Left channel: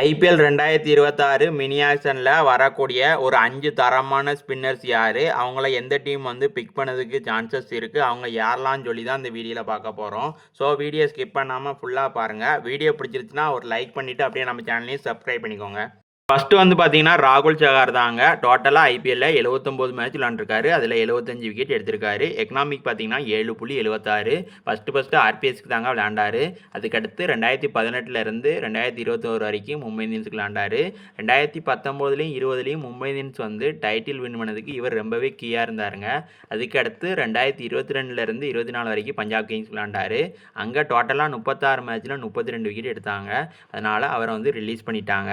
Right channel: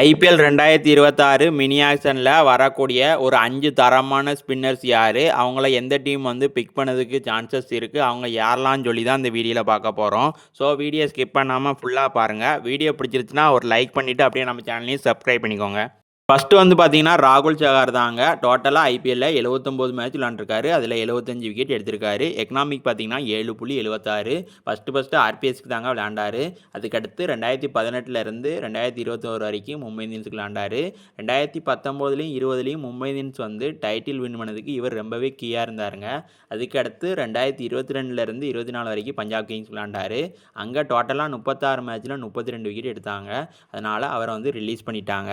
IPL 2026 mini ஆக்ஷனில் வரக்கூடிய ஒரு 5 தரமான ஸ்பின்னர்ஸ் யார், அவங்கள எந்த டீம் வந்து பிக் பண்ணதுக்கு சான்சஸ் இருக்குது, அவங்க யாரெல்லாம் சொல்லி தான் இந்த வீடியோவில் பார்க்க போகிறோம். ஸோ வீடியோ ஸ்கிப் பண்ணாமல் ஃபுல்லாக பாருங்கள். வீடியோ பிடிச்சிருச்சுன்னா ஒரு லைக் பண்ணிவிட்டு அப்படியே நம்ம சேனலையும் சப்ஸ்கிரைப் பண்ணிக்கோங்க. ஃபஸ்ட்டு வந்து பார்த்தீங்கன்னா ராகுல் சகார் தாங்க. டோட்டலாக ஐபிஎல்லில் 79 மேட்ச் விளாண்டுருக்காரு. அதில் 75 விக்கெட் எடுத்திருக்காரு. எக்கனாமிக் பார்த்தீங்கன்னா 7.76. ஃபஸ்ட்டு ஆர்பிஎஸ்க்கு தாங்க விளையாண்டாரு. அதுக்கடுத்து 2018 2021 வரைக்கும் மும்பை இந்தியன்ஸுக்கு விளையாண்டாரு. 2019 20 மும்பை இந்தியன்ஸ் வந்து டைட்டில் வின் பண்ணதுக்கு இவர் ரொம்பவே கீயாக இருந்தாருங்க. அதுக்கடுத்து 2022 24 வரைக்கும் பஞ்சாப் கிங்ஸ் விளையாண்டாரு. அங்கே டோட்டலாக 36 மேட்ச்சில் 32 விக்கெட் எடுத்தாங்க. அதனால் அவரை வந்து ரிலீஸ் பண்ணிட்டாங்க.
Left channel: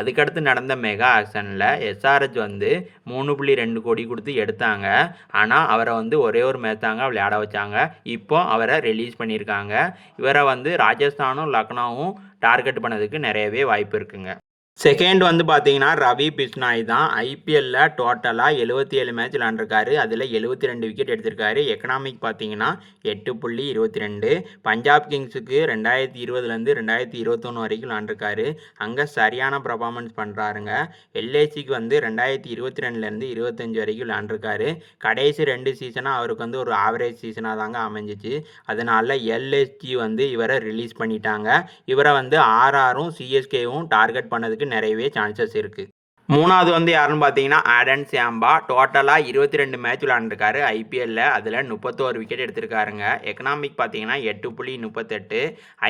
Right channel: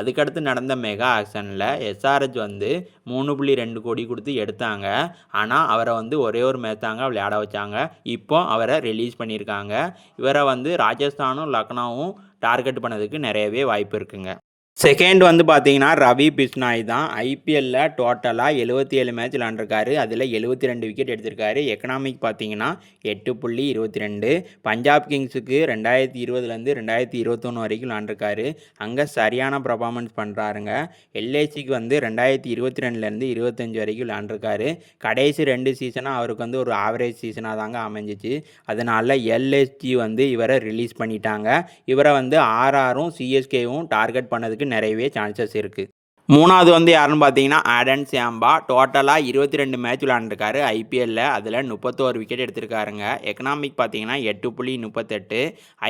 அதுக்கடுத்து நடந்த மெகா ஆக்ஷனில் எஸ்ஆர்ஹெச் வந்து 3.2 கோடி கொடுத்து எடுத்தாங்க. ஆனால் அவரை வந்து ஒரே ஒரு மேட்ச் தாங்க விளையாட வச்சாங்க. இப்போ அவரை ரிலீஸ் பண்ணியிருக்காங்க. இவரை வந்து ராஜஸ்தானும் லக்னோவும் டார்கெட் பண்ணதுக்கு நிறையவே வாய்ப்பு இருக்குங்க. செகண்ட் வந்து பார்த்தீங்கன்னா ரவி பிஷ்னாய் தான். ஐபிஎல்லில் டோட்டலாக 77 மேட்ச் விளாண்டுருக்காரு. அதில் 72 விக்கெட் எடுத்திருக்காரு. எக்கனாமிக் பார்த்தீங்கன்னா 8.22. பஞ்சாப் கிங்ஸுக்கு 2020 2021 வரைக்கும் விளாண்டுருக்காரு. அங்கே சரியான பர்ஃபார்மன்ஸ் பண்ணுறாருங்க. எல்ஐசிக்கு வந்து 2022 25 வரைக்கும் விளாண்டுருக்காரு. கடைசி 2 சீசனாக அவருக்கு வந்து ஒரு ஆவரேஜ் சீசனாக தாங்க அமைஞ்சிச்சு. அதனால் எல்எஸ்ஜி வந்து இவரை ரிலீஸ் பண்ணிட்டாங்க. இவரை வந்து ஆர்ஆரும் சிஎஸ்கேவும் டார்கெட் பண்ணதுக்கு நிறையவே சான்சஸ் இருக்குது. மூணாவது வந்து யாருன்னு பார்த்தீங்கன்னா ஆடன் சாம்பா. டோட்டலாக 22 மேட்ச் விளாண்டுருக்காரு ஐபிஎல்லில். அதில் 31 விக்கெட் எடுத்திருக்காருங்க. எக்கனாமிக் பார்த்தீங்கன்னா 8.38.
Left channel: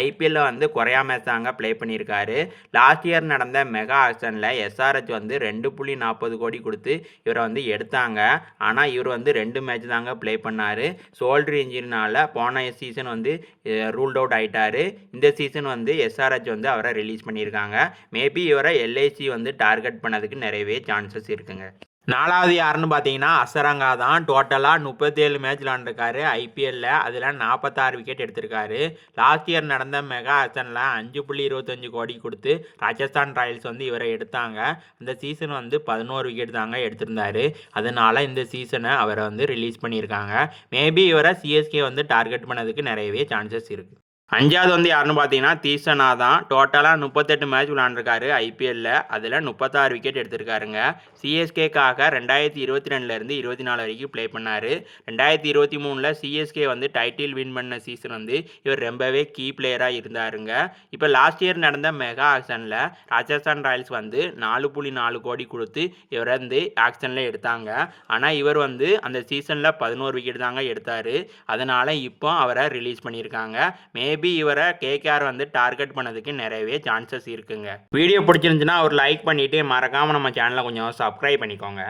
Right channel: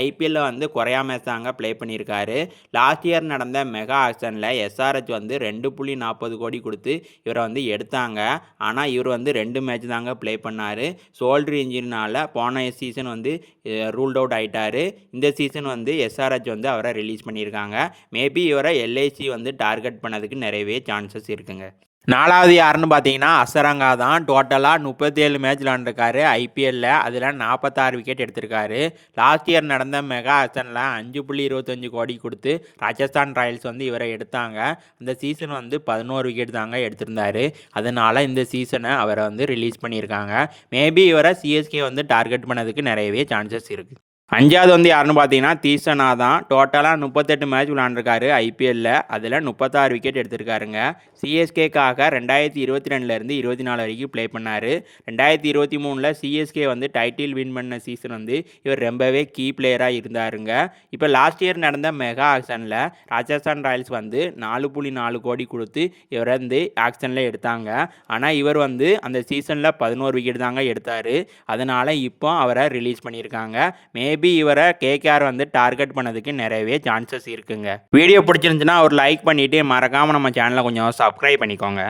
ஐபிஎல்லில் வந்து குறையா மேட்ச் தாங்க ப்ளே பண்ணியிருக்காரு. லாஸ்ட் இயர் நடந்த மெகா ஆக்ஷனில் எஸ்ஆர்ஹெச் வந்து 2.40 கோடி கொடுத்து இவரை வந்து எடுத்தாங்க. ஆனால் இவர் வந்து 2 மேட்ச் தாங்க ப்ளே பண்ணார். ஷோல்டர் இன்ஜுரினால் போன சீசன் வந்து ரூல்ட் அவுட் ஆகிட்டார். இந்த சீசன் வந்து எஸ்ஆர்ஹெச் வந்து அவரை ரிலீஸ் பண்ணியிருக்காங்க. மேபி இவரை எல்ஐசி வந்து டார்கெட் பண்ணதுக்கு நிறையவே சான்சஸ் இருக்குங்க. நாலாவது யாருன்னு பார்த்தீங்கன்னா அசரங்கா தான். டோட்டலாக 37 மேட்ச் விளாண்டுருக்காரு ஐபிஎல்லில். அதில் 46 விக்கெட் எடுத்திருக்காரு. லாஸ்ட் இயர் நடந்த மெகா ஆக்ஷனில் 5.25 கோடி கொடுத்து ராஜஸ்தான் ராயல்ஸ் வந்து இவரை எடுத்தாங்க. இந்த சீசன் வந்து 11 விக்கெட் தாங்க எடுத்திருந்தார். அதனால் இந்த சீசனை அவரை வந்து ரிலீஸ் பண்ணியிருக்காங்க. மேபி இவரை சிஎஸ்கே வந்து டார்கெட் பண்ணதுக்கு நிறையவே சான்சஸ் இருக்குது. அஞ்சாவது வந்து யாருன்னு பார்த்தீங்கன்னா தீசனா தான். டோட்டலாக 38 மேட்ச் விளாண்டுருக்காரு ஐபிஎல்லில். அதில் 36 விக்கெட் எடுத்திருக்காருங்க. சிஎஸ்கேக்காக 2022 24 வரைக்கும் ப்ளே பண்ணார். 2023 சிஎஸ்கே வந்து டைட்டில் வின் பண்ண சீசன் வந்து இவர் ரொம்பவே கீ பிளேயராக இருந்தாருங்க. இப்போ லாஸ்ட் இயர் நடந்த மெகா ஆக்ஷனில் ராஜஸ்தான் ராயல்ஸ் வந்து 4.4 கோடி கொடுத்து இவரை வந்து ஆக்ஷனில் எடுத்தாங்க. ஆனால் இவர் வந்து அந்த சீசனில் 11 விக்கெட் தாங்க எடுத்தார். அதனால் இப்போ அவரை ரிலீஸ் பண்ணியிருக்காங்க. மேபி இவரை கேகேஆர் வந்து டார்கெட் பண்ணதுக்கு நிறையவே சான்சஸ் இருக்குங்க. வீடியோ பிடிச்சிருந்துச்சுன்னா ஒரு லைக் பண்ணிவிட்டு மறக்காமல் நம்ம சேனலை கொஞ்சம் சப்ஸ்கிரைப் பண்ணிக்கோங்க.